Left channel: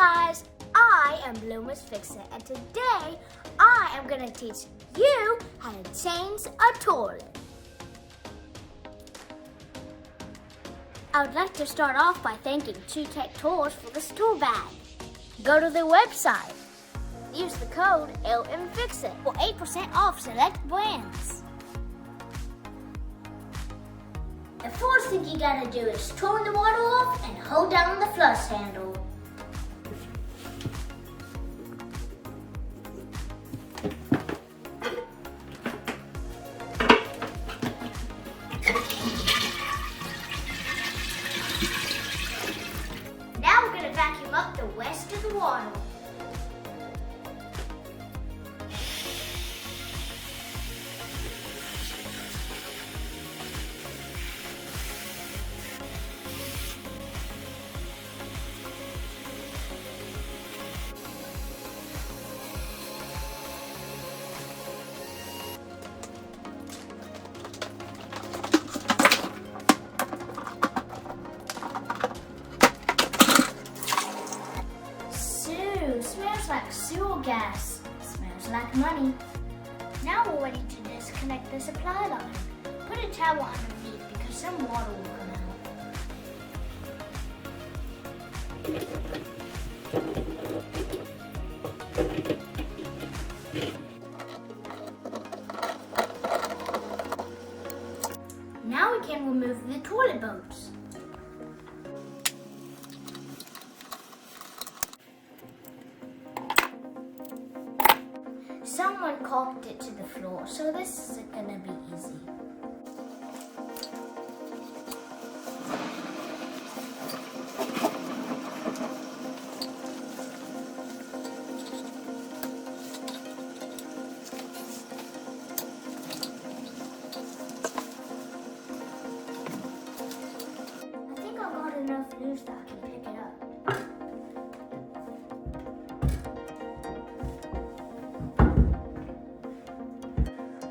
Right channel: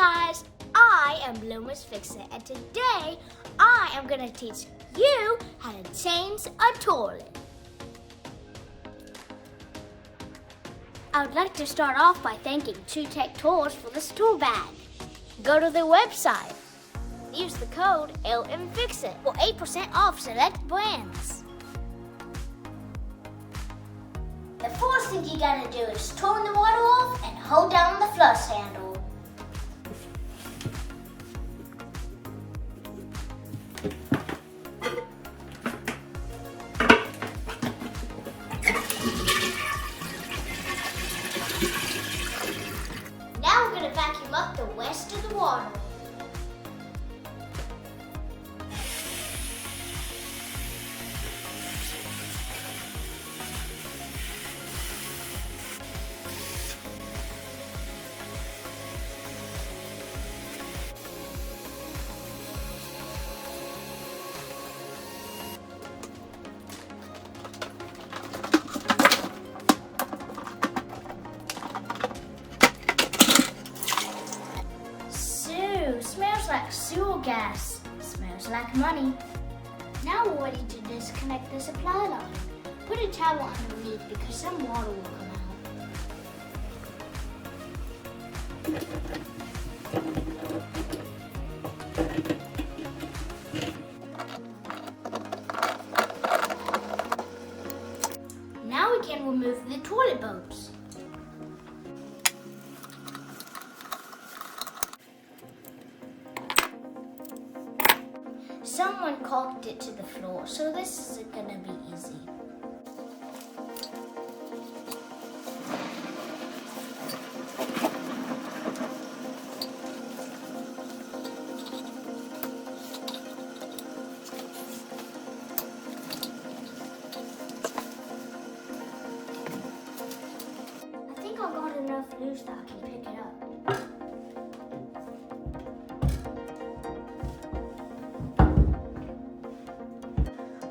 guys, I am Lil'MissFixIt, and today I am going to teach you how to change a toilet. I would like to start off by thanking Two Tech Tours for this tool bag. Go to their website. Use the code Lil'MissFixIt for 8% off select brands. The first thing you gotta do is turn the water off and hold down the flush handle. Now we're gonna vacuum up the rest of the water. Smells like sewer gas. Smells like money. Now we're ready to disconnect the supply line. Put a towel underneath because some water will come out. Now we can remove the toilet bolts. Someone caulked it to the floor, so this isn't gonna be easy. I think I got enough loose that I can pick it up.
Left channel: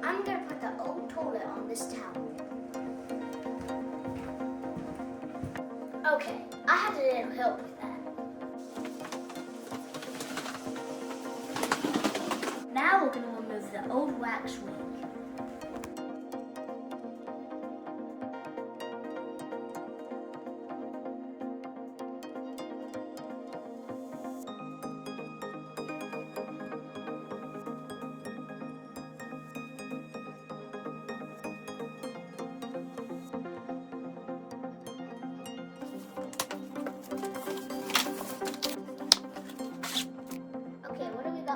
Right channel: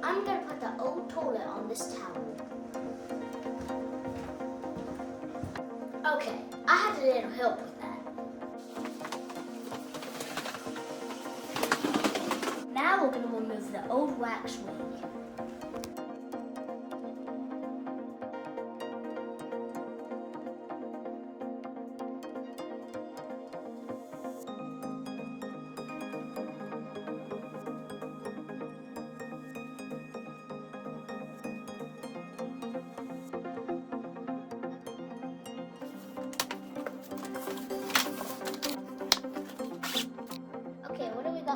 I'm going to put the old toilet on this towel. Okay, I had a little help with that. Now we're going to remove the old wax ring.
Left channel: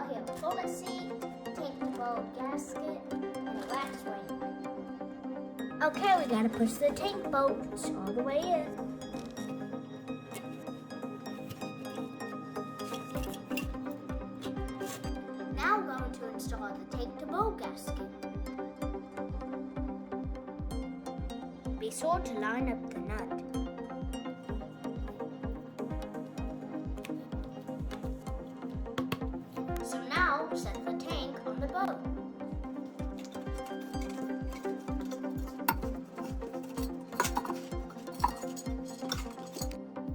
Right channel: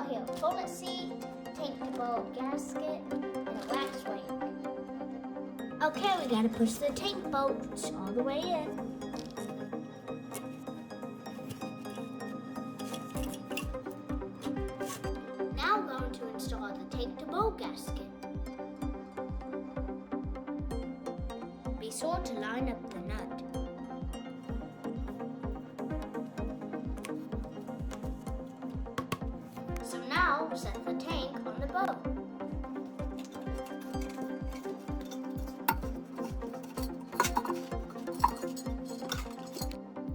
Here, toilet seat, tank to bolt gasket, and a wax ring. Okay, we gotta push the tank bolts all the way in. Now we're going to install the tank to bolt gasket. Be sure to line up the nut. Now set the tank on the boat.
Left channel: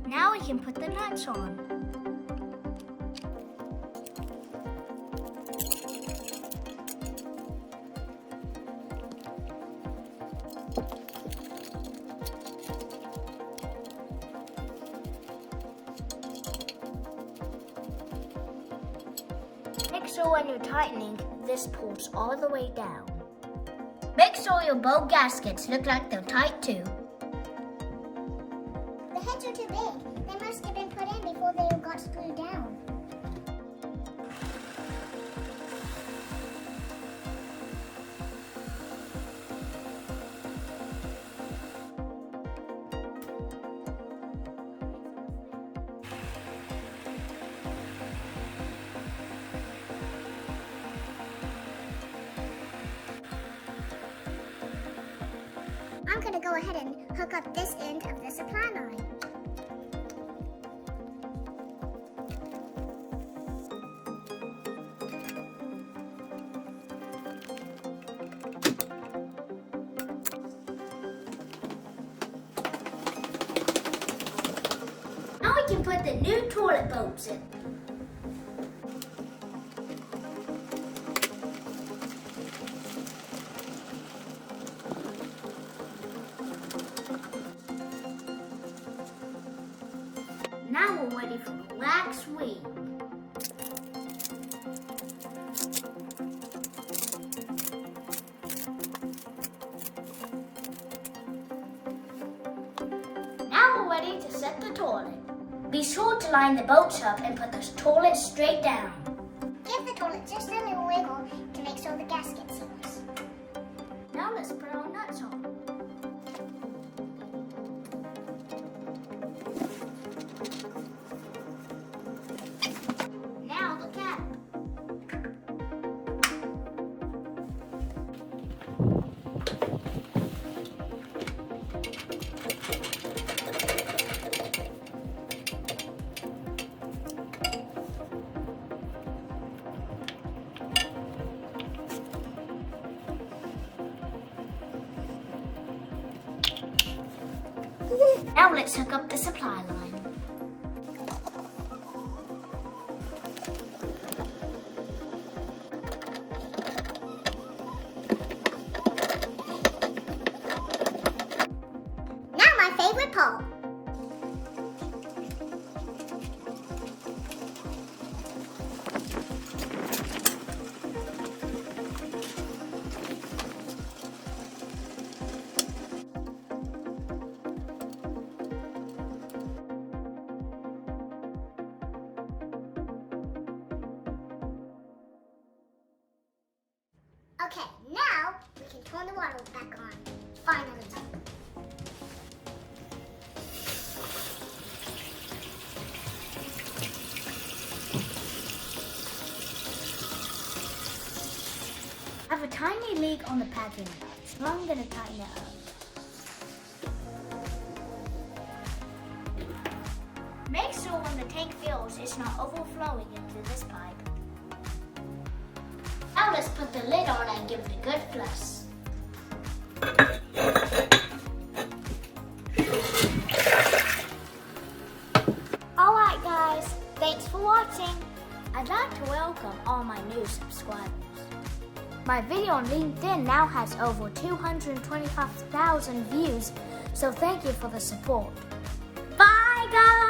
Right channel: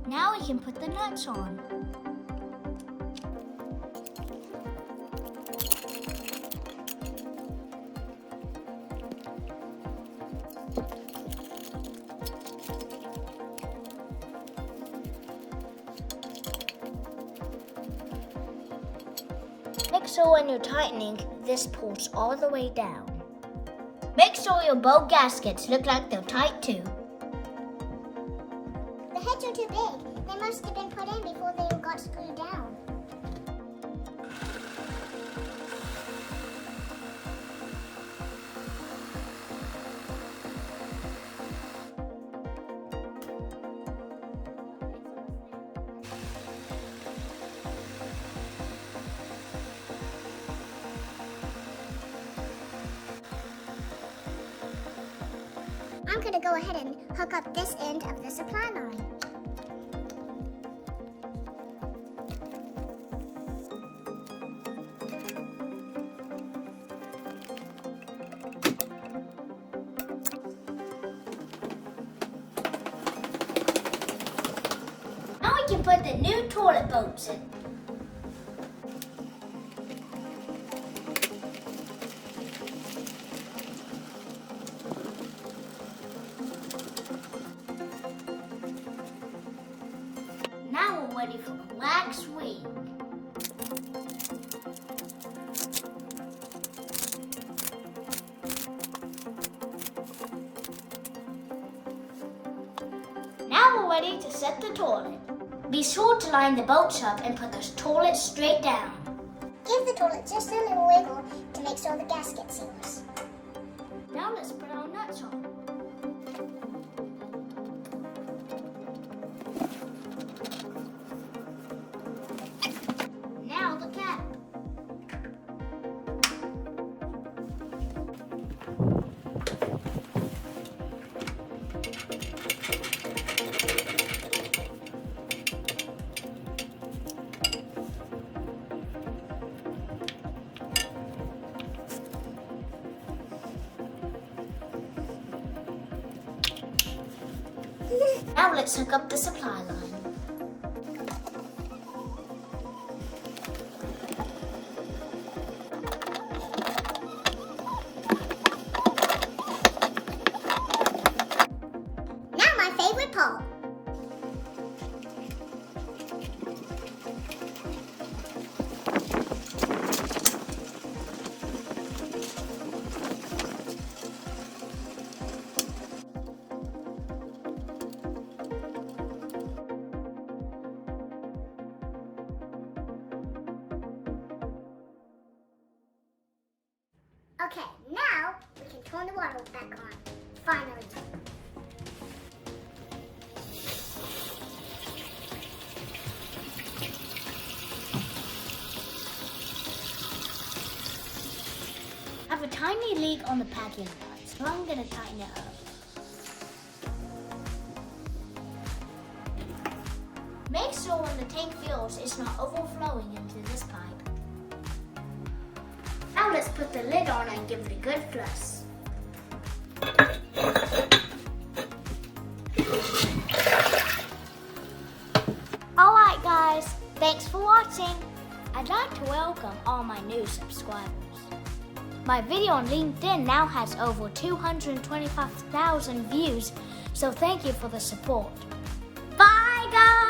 Now we can put the nuts on. Make sure when you're tightening, this pulls all the way down. Make sure your bolt gaskets look like they're tight too. The heads are too big. They must have been put in before they got screwed down. I'm going to go ahead and hook up this end of the supply line. can put the new toilet bolts in. Now we're ready for the wax wing. Now we're ready to set the toilet. Be sure to line the bolts up and put the toilet straight down. Give the toilet just a little wiggle to make sure the gasket seals. Now let's put our nuts on. Now the cap. Now let's hook up the supply line. Now my favorite part. Okay, now we can turn the water back on. Finally. I have a tiny leak on the packing nut, so I'm going to tighten it up. Make sure when the tank fills, it's not overflowing into this pipe. Now let's put the lid on and give it a good flush. Alright guys, thanks for watching. I'd like to welcome all my new subscribers. My video on LinkedIn now has over 225,000 views, so thank you for the support. Bye guys!